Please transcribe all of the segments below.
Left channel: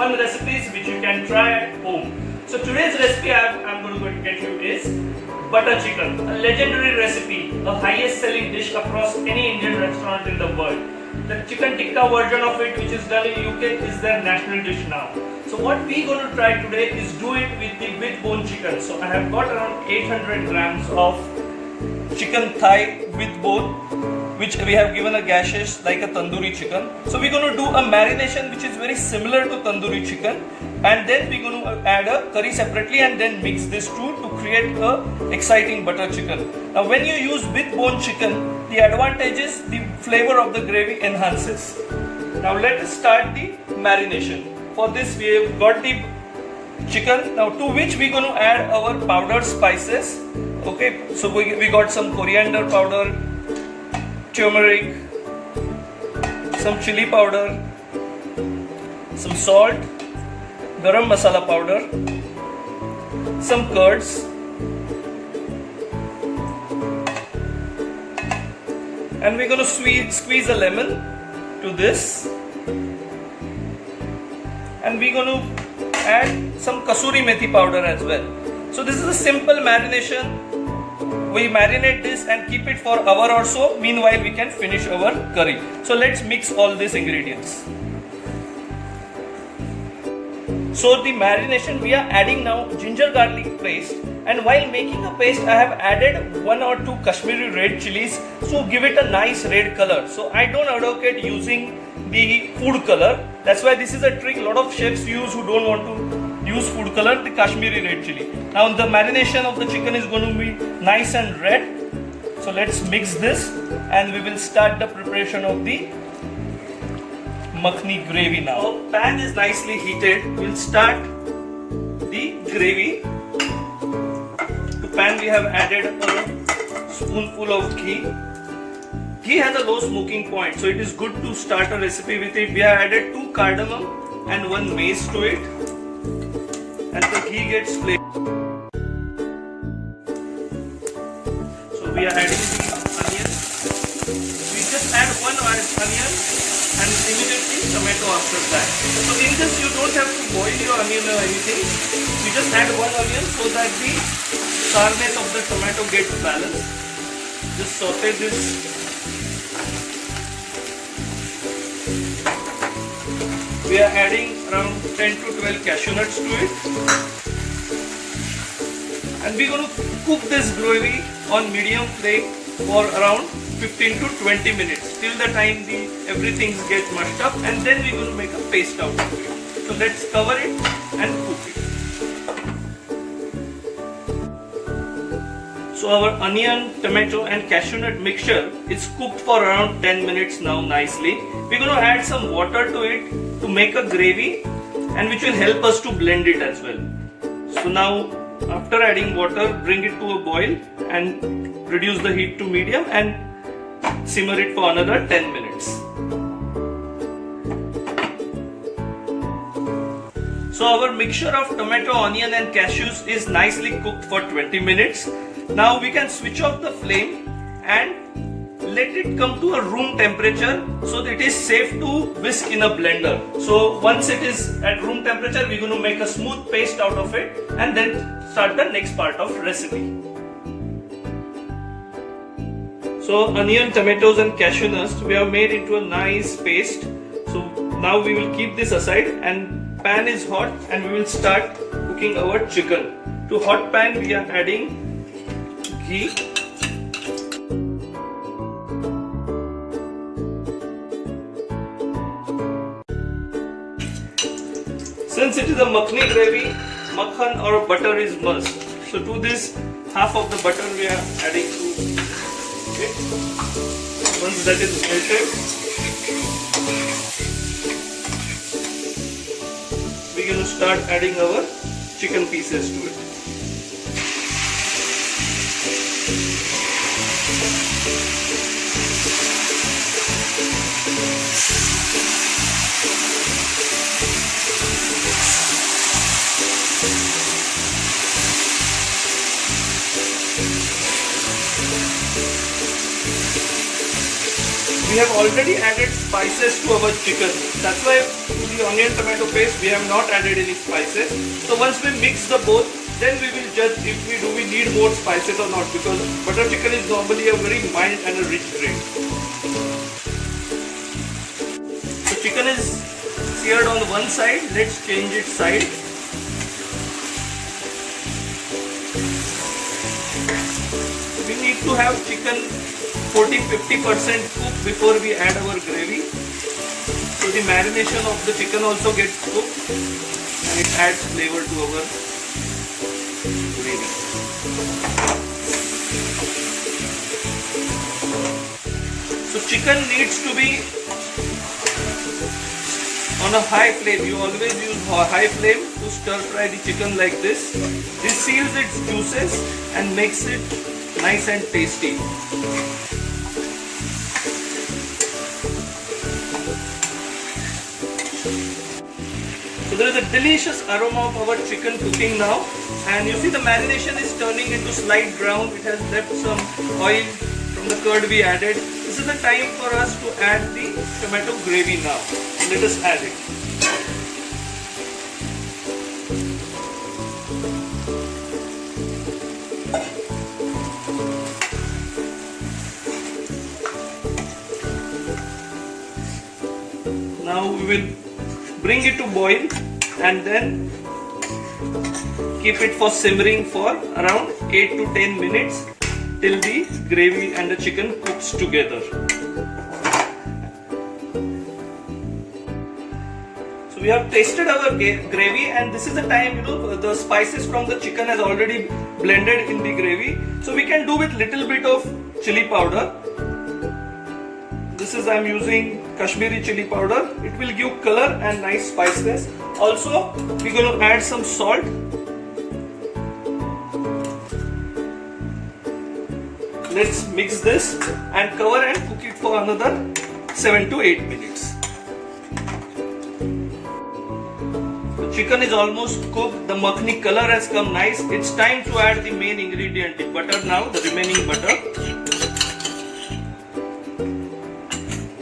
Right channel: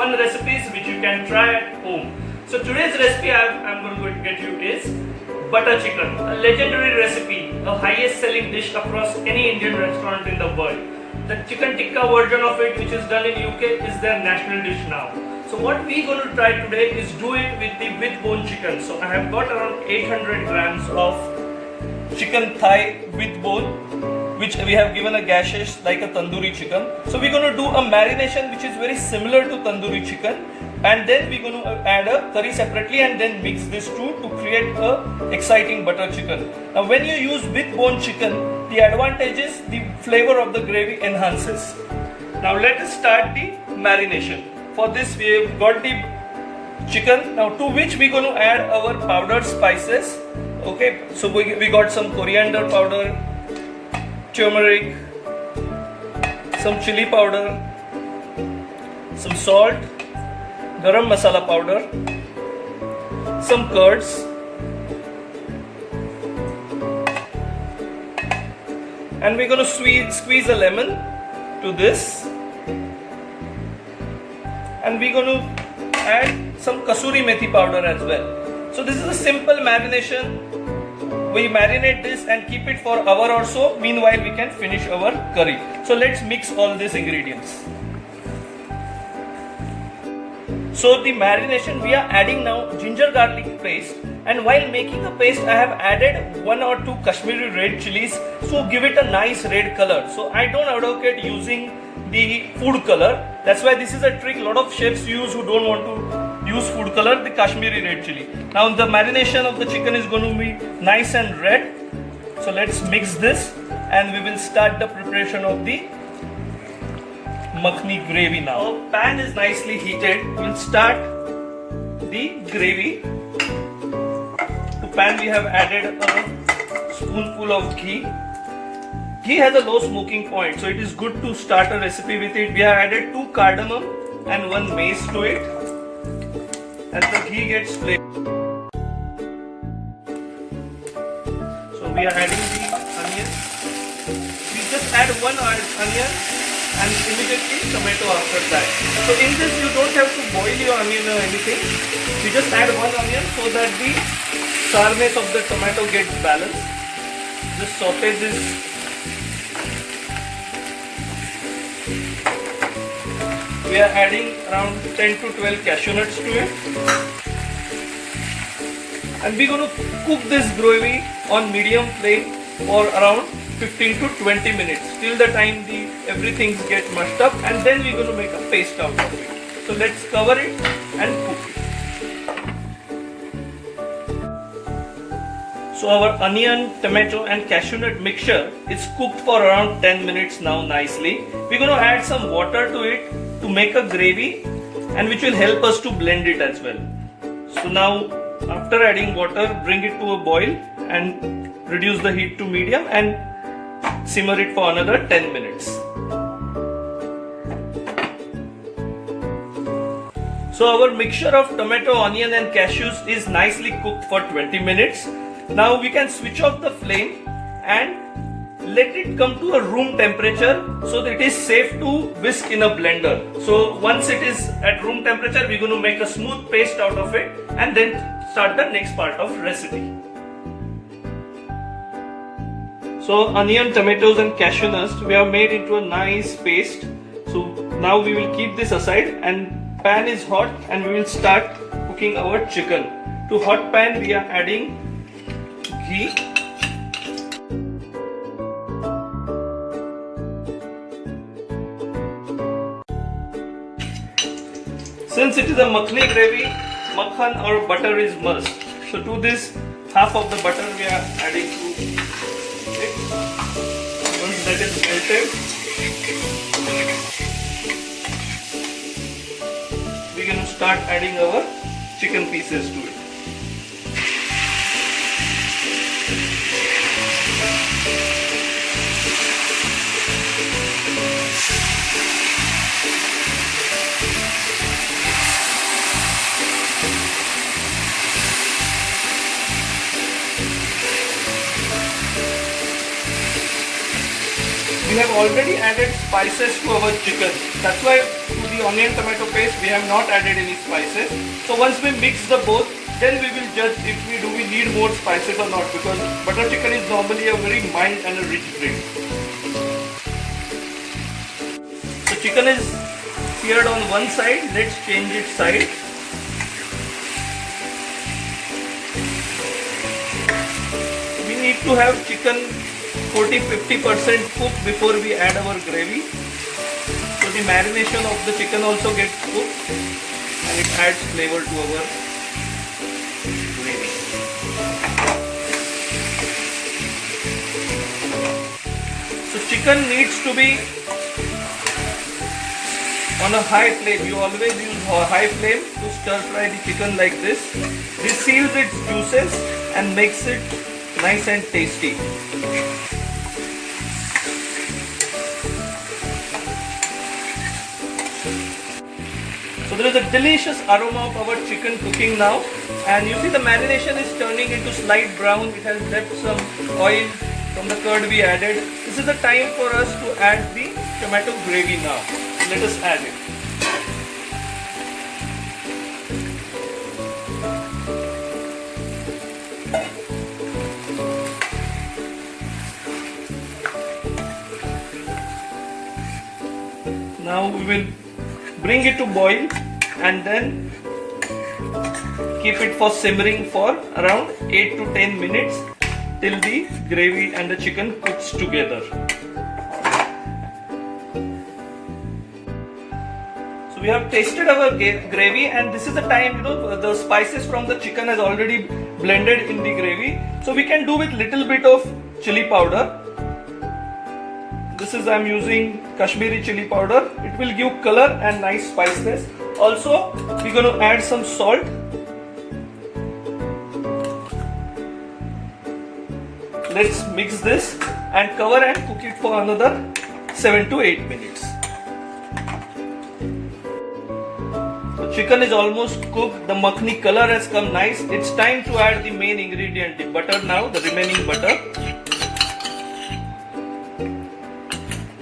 fun recipes which you can try at home. So today's recipe I'm going to get you is butter chicken, a legendary recipe, a highest selling dish across any Indian restaurant in the world. The chicken tikka version of it, which is done in UK, is their national dish now. So what we're going to try today is do it with the with bone chicken. So I have got around 800 grams of chicken thigh with bone, which we have given a gashes like a tandoori chicken. So we're going to do a marination which is very similar to tandoori chicken, and then we're going to add a curry separately and then mix these two to create a exciting butter chicken. Now when you use with bone chicken, the advantage is the flavor of the gravy enhances. Now let us start the marination. For this we have got the chicken, now to which we're going to add our powdered spices. Okay, so we got some coriander powder, turmeric, some chili powder, some salt, garam masala powder, some curds, and we're going to squeeze a lemon to this, and we're going to add some kasuri methi powder as well. So this is a simple marination. We marinate this and keep it for an hour or so. Meanwhile, we can finish our curry. So let's mix all these ingredients. So the marination, we are adding now ginger garlic paste, and while making a paste I have added 1 or 2 Kashmiri red chilies, so give it a nice red color. So I don't advocate using the food color. That's why this is a trick a lot of chefs use who don't want to use food color, the Kashmiri red chili. Now the marination of the chicken is going to be nice and red. So let's mix this and we will start the preparation of the makhni gravy now. The pan is nicely heated. We'll start the gravy. To pan we have added a spoonful of ghee. Ghee has a low smoking point, so it is good to start a recipe with it. We have added 2 cardamom and 1 mace to it. And the ghee gets flavored. So we are adding the onion. We just add 1 onion and immediately tomato after that. So in this you don't have to boil your onion or anything. You just add 1 onion so that the sourness of the tomato gets balanced. Just saute this. We are adding around 10 to 12 cashew nuts to it, and we're going to cook this gravy on medium flame for around 15 to 20 minutes till the time everything gets mushed up, and then we're going to make a paste out of it. So let's cover it and cook it. So our onion, tomato and cashew nut mixture is cooked for around 10 minutes now nicely. We're going to add some water to it to make a gravy, and which will help us to blend it as well. So now after adding water, bring it to a boil and reduce the heat to medium and simmer it for another 10 minutes. So our mixture of tomato, onion and cashews is nicely cooked for 20 minutes. Now we can switch off the flame and let it come to a room temperature so that it is safe to whisk in a blender. So once it is at room temperature, we're going to make a smooth paste out of it and then start the next part of recipe. So onion, tomatoes and cashew nuts we have made into a nice paste. So now we will keep this aside, and pan is hot and we will start cooking our chicken. To hot pan we are adding ghee. Since it is a makhni gravy, makhan or butter is must. So to this, half of the butter we are adding to it. Once that is melted, we are going to start adding our chicken pieces to it. We have already added spices to our chicken. That's why to the the onion tomato paste, we have not added any spices. So once we mix the both, then we will judge if we need more spices or not, because butter chicken is normally a very mild and a rich gravy. So chicken is seared on one side, let's change its side. We need to have chicken 40-50% cooked before we add our gravy. So the marination of the chicken also gets cooked and it adds flavor to our gravy. So chicken needs to be on a high flame. You always use a high flame to stir fry the chicken like this. This seals its juices and makes it nice and tasty. So there is a delicious aroma of our chicken cooking now, and you see the marination is turning into slight brown. It has left some oil from the curd we added. This is the time for us to add the tomato gravy now. Let us add it. Now we will bring it to boil and then keep it for simmering for around 8 to 10 minutes till the gravy and the chicken cooks together. So we have tasted our gravy, and this is the time, the spices from the chicken has already blended in the gravy. So we can do with little bit of chili powder. This is, I'm using Kashmiri chili powder. It will give color and nice spiciness. Also, we're going to add some salt. Let's mix this and cover and cook it for another 7 to 8 minutes. The chicken is almost cooked. The makhni color has come nice. It's time to add the main ingredient, the butter now, the remaining butter.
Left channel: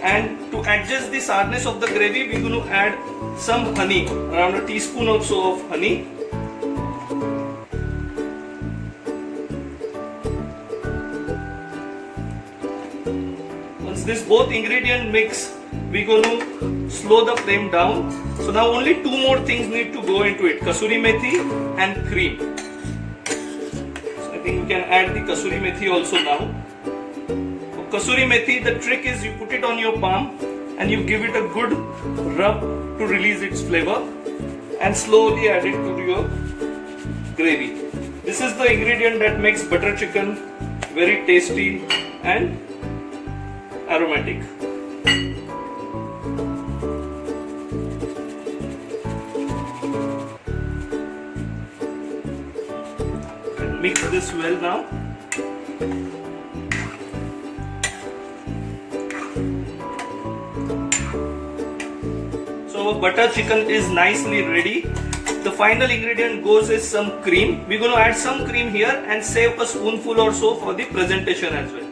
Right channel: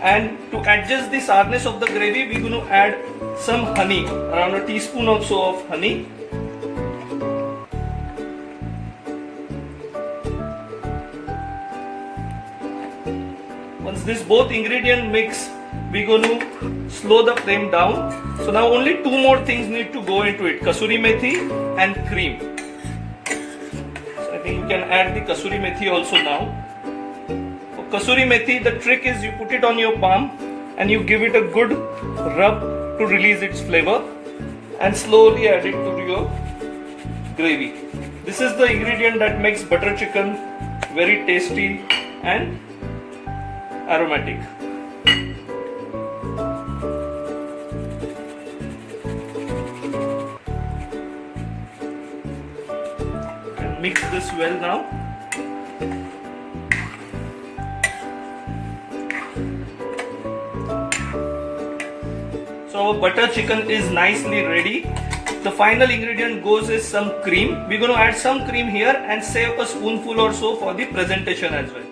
And to adjust the sourness of the gravy, we're going to add some honey, around a teaspoon also of honey. Once this both ingredient mix, we're going to slow the flame down. So now only two more things need to go into it: kasuri methi and cream. So I think we can add the kasuri methi also now. Kasuri methi, the trick is you put it on your palm and you give it a good rub to release its flavor and slowly add it to your gravy. This is the ingredient that makes butter chicken very tasty and aromatic. Mix this well now. So butter chicken is nicely ready. The final ingredient goes is some cream. We're going to add some cream here and save a spoonful or so for the presentation as well.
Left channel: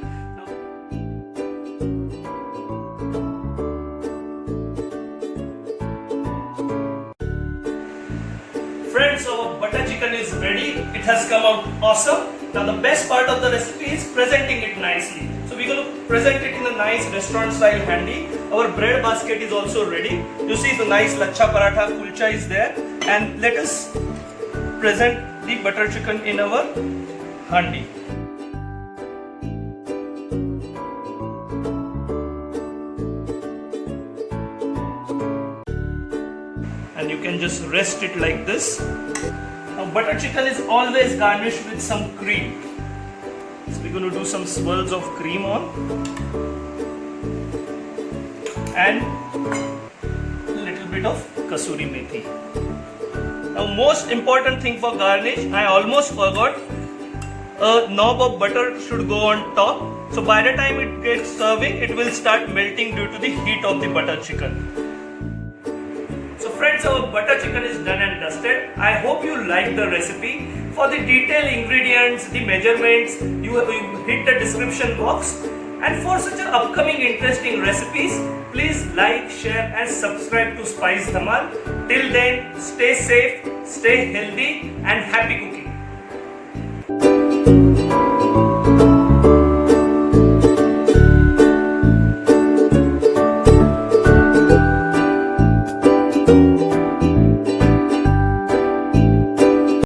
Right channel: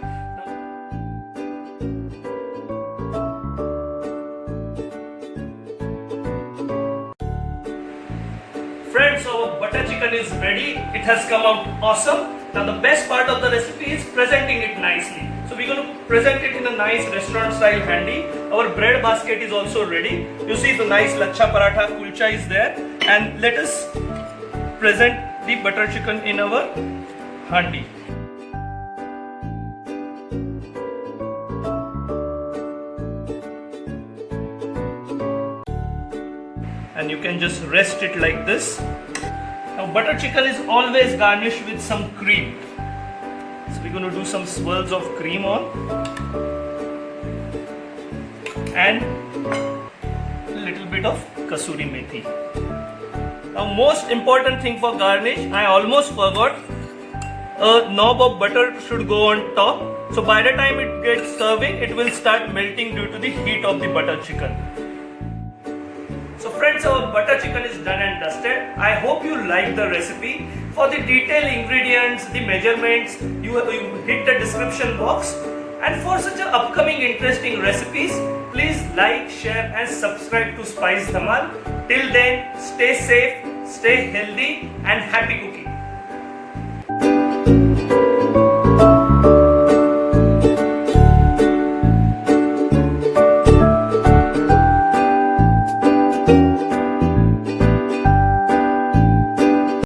Friends, our butter chicken is ready. It has come out awesome. Now the best part of the recipe is presenting it nicely. So we're going to present it in a nice restaurant style handy. Our bread basket is also ready. You see the nice lachha paratha kulcha is there. And let us present the butter chicken in our handi. And you can just rest it like this. Now butter chicken is always garnished with some cream. So we're going to do some swirls of cream on. And a little bit of kasuri methi. Now most important thing for garnish, I almost forgot, a knob of butter should go on top. So by the time it gets serving, it will start melting due to the heat of the butter chicken. So friends, our butter chicken is done and dusted. I hope you like the recipe. For the detailed ingredients, the measurements, you hit the description box. And for such upcoming interesting recipes, Please like, share and subscribe to Spice Dhamal. Till then, stay safe, stay healthy and happy cooking.